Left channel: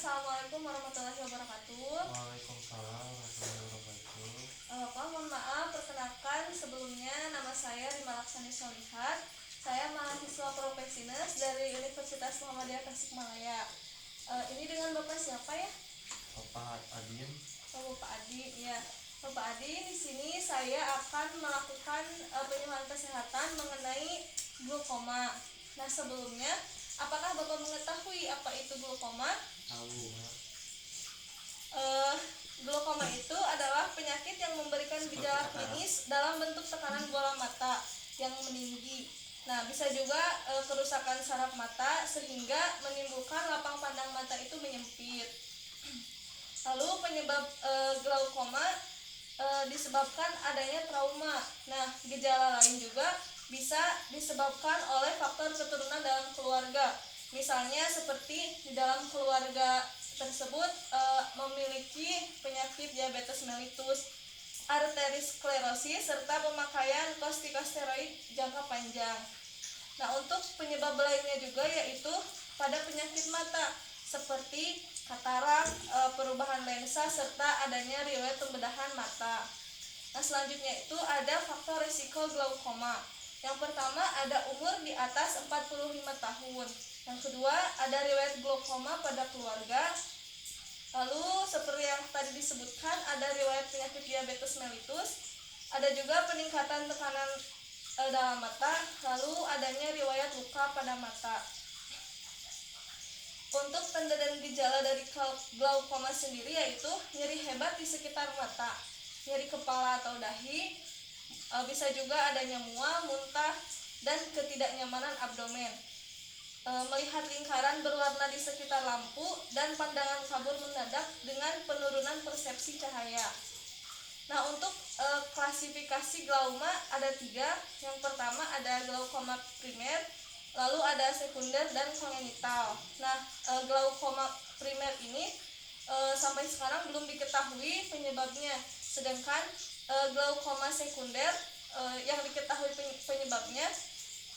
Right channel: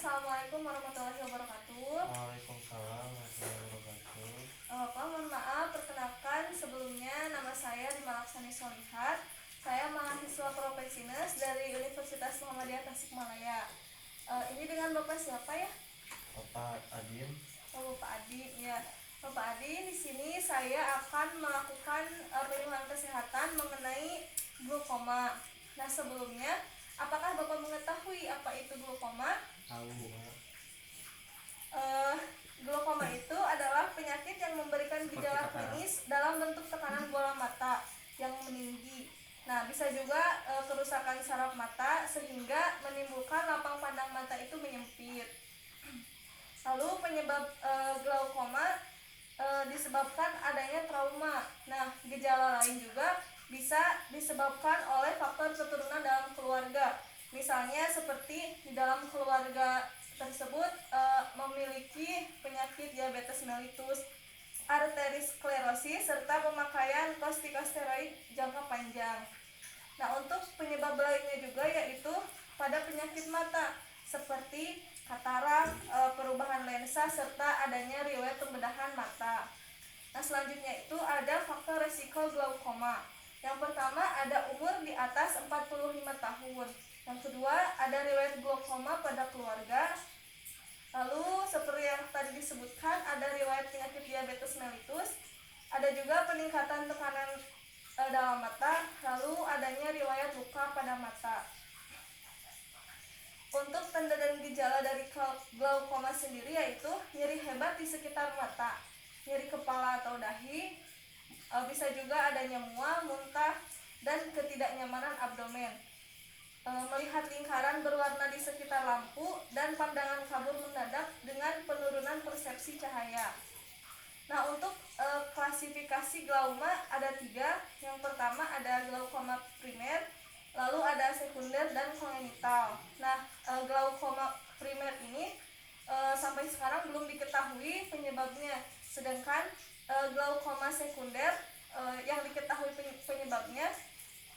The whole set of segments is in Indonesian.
Assalamualaikum warahmatullahi wabarakatuh. Waalaikumsalam warahmatullahi wabarakatuh. Pak, mohon maaf, perkenalkan sebelumnya nama saya Rima Laksani Solihat. Saya mahasiswa Profesinas dari Universitas Muhammadiyah Tasikmalaya. Ini dengan Bapak siapa ya? Bapak Adin. Bapak Adi, ya. Bapak Adi, di sini saya akan melakukan penyuluhan kesehatan mengenai glaukoma. Nah, sebelumnya, apakah Bapak mengetahui apa itu glaukoma? Tahu ya. Glaukoma itu adalah penyakit yang memberikan gejala klinis dalam bentuk tekanan bola mata yang meninggi. Nah, bisa juga kerusakan saraf mata sehingga menimbulkan lapang pandang mata itu menyempit. Lalu penyebab glaukoma disebabkan adanya trauma. Nah, gejala lain juga bisa disebabkan oleh faktor keturunan dalam keluarga. Misalnya seperti di dalam keluarga tersebut memiliki penyakit diabetes mellitus, arteriosklerosis, serta pemakaian kortikosteroid jangka panjang. Nah, untuk penyebab lainnya juga yaitu pada penyakit mata seperti katarak, perubahan lensa, serta adanya riwayat pembedahan mata. Nah, selanjutnya itu ada faktor resiko glaukoma. Yang pertama ada umur di atas 45 tahun. Yang kedua ada riwayat glaukoma pada keluarga. Lalu seperti yang tadi disebutkan ada riwayat penyakit diabetes mellitus. Ada juga peningkatan tekanan dalam mata. Lalu adanya riwayat luka pada mata. Untuk tanda dan gejala dari glaukoma sendiri yaitu nyeri hebat di sekitar mata, nyeri kepala atau dahi, bisa juga adanya mual, muntah, dan ketidaknyamanan abdomen, melihat lingkaran berwarna di sekitar lampu, dan pandangan kabur mendadak dengan penurunan persepsi cahaya. Nah, untuk klasifikasi glauma ada 3. Yang pertama ada glaukoma primer, lalu ada sekunder dan kongenital. Nah, glaukoma primer ini sampai sekarang belum diketahui penyebabnya. Sedangkan glaukoma sekunder yang diketahui penyebabnya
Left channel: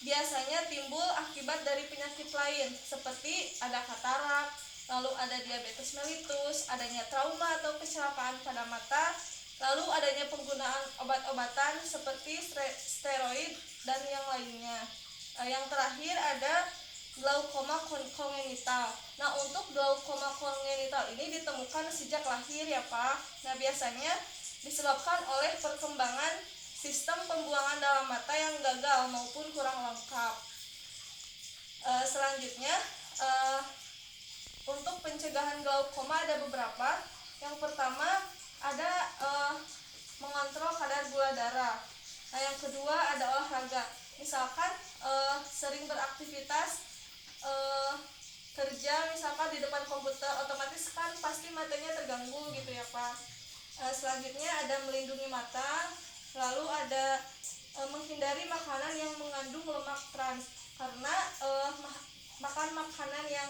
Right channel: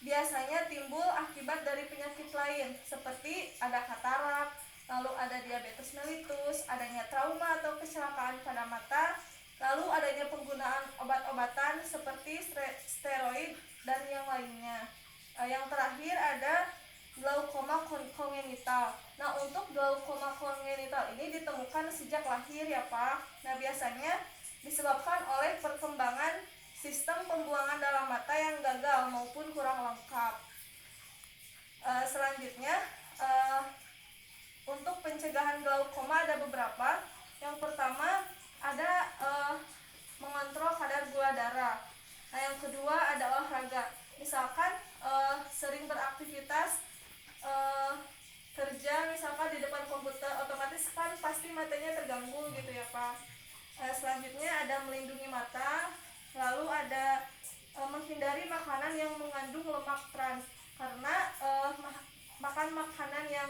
biasanya timbul akibat dari penyakit lain seperti ada katarak, lalu ada diabetes mellitus, adanya trauma atau kecelakaan pada mata, lalu adanya penggunaan obat-obatan seperti steroid dan yang lainnya. Yang terakhir ada glaukoma kongenital. Nah, untuk glaukoma kongenital ini ditemukan sejak lahir ya Pak. Nah, biasanya disebabkan oleh perkembangan sistem pembuangan dalam mata yang gagal maupun kurang lengkap. Selanjutnya untuk pencegahan glaukoma ada beberapa. Yang pertama ada mengontrol kadar gula darah. Nah, yang kedua ada olahraga. Misalkan sering beraktivitas kerja misalkan di depan komputer, otomatis kan pasti matanya terganggu gitu ya Pak. Selanjutnya ada melindungi mata, lalu ada menghindari makanan yang mengandung lemak trans, karena makan makanan yang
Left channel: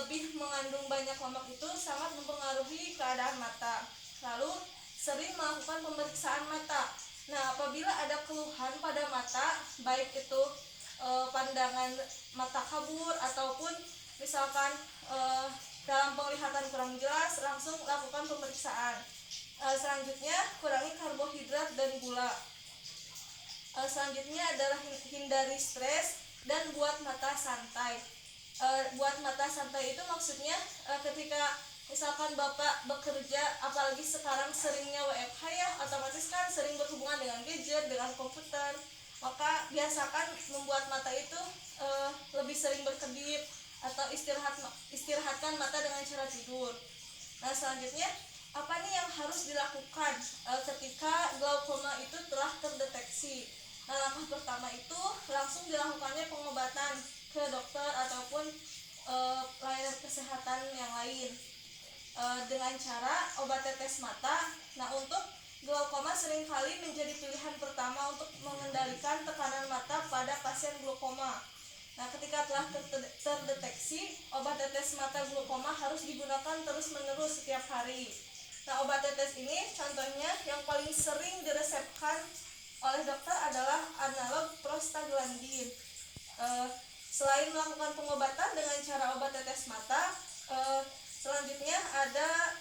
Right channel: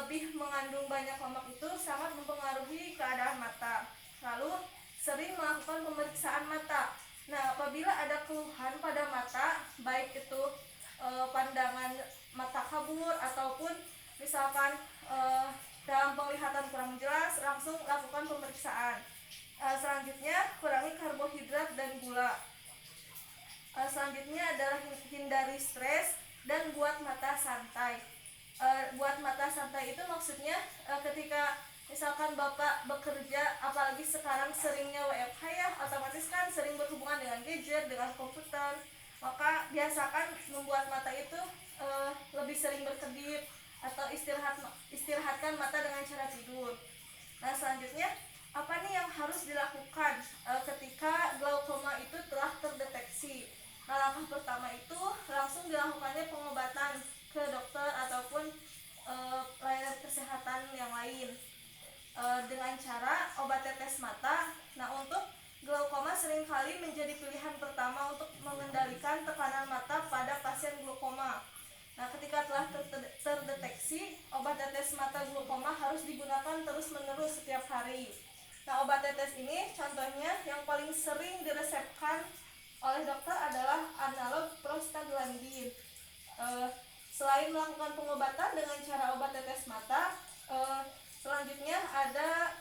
lebih mengandung banyak lemak itu sangat mempengaruhi keadaan mata. Lalu sering melakukan pemeriksaan mata. Nah, apabila ada keluhan pada mata, baik itu pandangan mata kabur ataupun misalkan dalam penglihatan kurang jelas, langsung lakukan pemeriksaan. Selanjutnya kurangi karbohidrat dan gula. Selanjutnya adalah hindari stres dan buat mata santai. Buat mata santai itu maksudnya ketika misalkan Bapak bekerja, apalagi sekarang seringnya WFH ya, otomatis kan sering berhubungan dengan gadget, dengan komputer, maka biasakan membuat mata itu lebih sering berkedip atau istirahatkan mata dengan cara tidur. Nah, selanjutnya apa nih yang harus dilakukan ketika glaukoma itu telah terdeteksi? Nah, langkah pertama itu langsung dilakukannya pengobatan ke dokter ataupun layanan kesehatan yang lain dengan cara obat tetes mata. Nah, untuk glaukoma seringkali menjadi pilihan pertama untuk mengendalikan tekanan mata pada pasien glaukoma. Nah, ketika telah terdeteksi, obat tetes mata glaukoma harus digunakan terus-menerus setiap hari. Nah, obat tetes ini contohnya yang paling sering diresepkan oleh dokter adalah analog prostaglandin. Selain melakukan pengobatan dengan cara obat tetes mata, Selanjutnya ada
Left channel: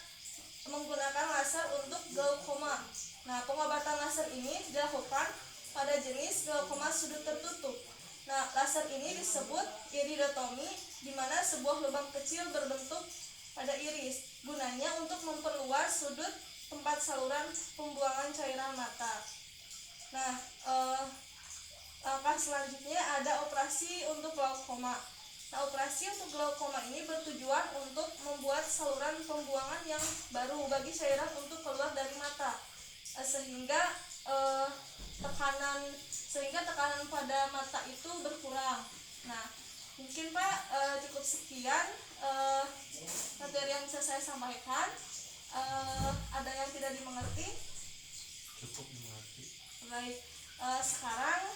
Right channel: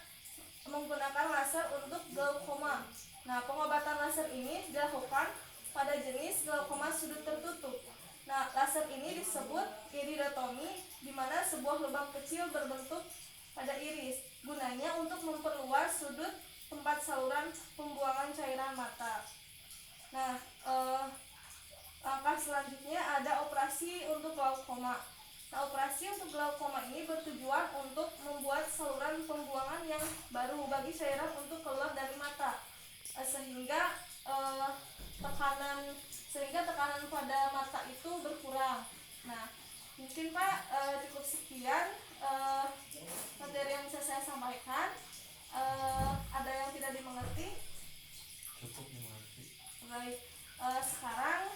menggunakan laser untuk glaukoma. Nah, pengobatan laser ini dilakukan pada jenis glaukoma sudut tertutup. Nah, laser ini disebut iridotomi, di mana sebuah lubang kecil berbentuk pada iris. Gunanya untuk memperluas sudut tempat saluran pembuangan cairan mata. Nah, langkah selanjutnya ada operasi untuk glaukoma. Nah, operasi untuk glaukoma ini bertujuan untuk membuat saluran pembuangan yang baru bagi cairan untuk keluar dari mata, sehingga tekanan pada mata itu berkurang. Nah, mungkin Pak cukup sekian materi yang bisa saya sampaikan. Ada yang tidak dimengerti? Cukup dimengerti. Baik, sekarang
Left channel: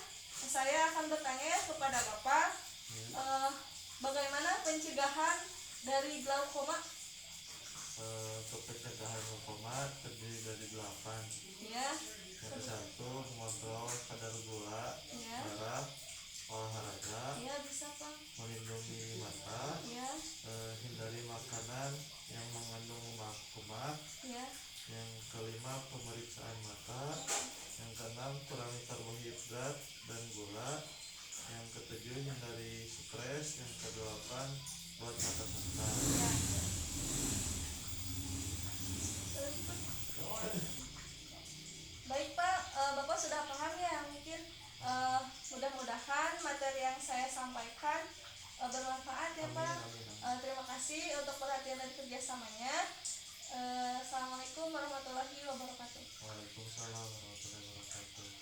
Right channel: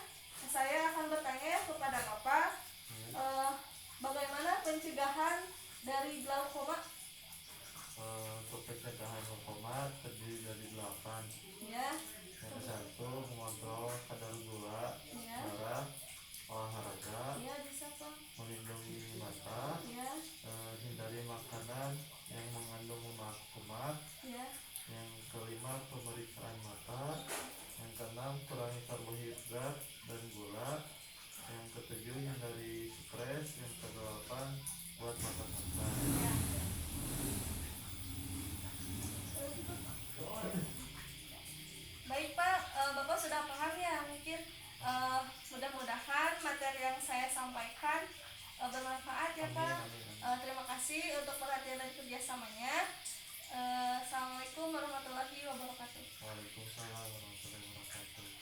saya akan bertanya kepada Bapak, bagaimana pencegahan dari glaukoma? Untuk pencegahan glaukoma terdiri dari 8. Ya, Yang satu, mengontrol kadar gula ya, darah, olahraga, ya bisa Pak. melindungi mata, Ya, hindari makanan yang mengandung lemak. ya, Yang kelima, pemeriksaan mata. Yang keenam, kurangi karbohidrat dan gula. Yang ketujuh, hindari stres. Yang kedelapan, buat mata santai. ya. Baik Pak, Bapak sudah paham ya mungkin. Mudah-mudahan materi yang saya sampaikan bermanfaat ya Pak. Terima kasih untuk perhatian dan kerjasamanya. Assalamualaikum warahmatullahi wabarakatuh. Waalaikumsalam warahmatullahi wabarakatuh.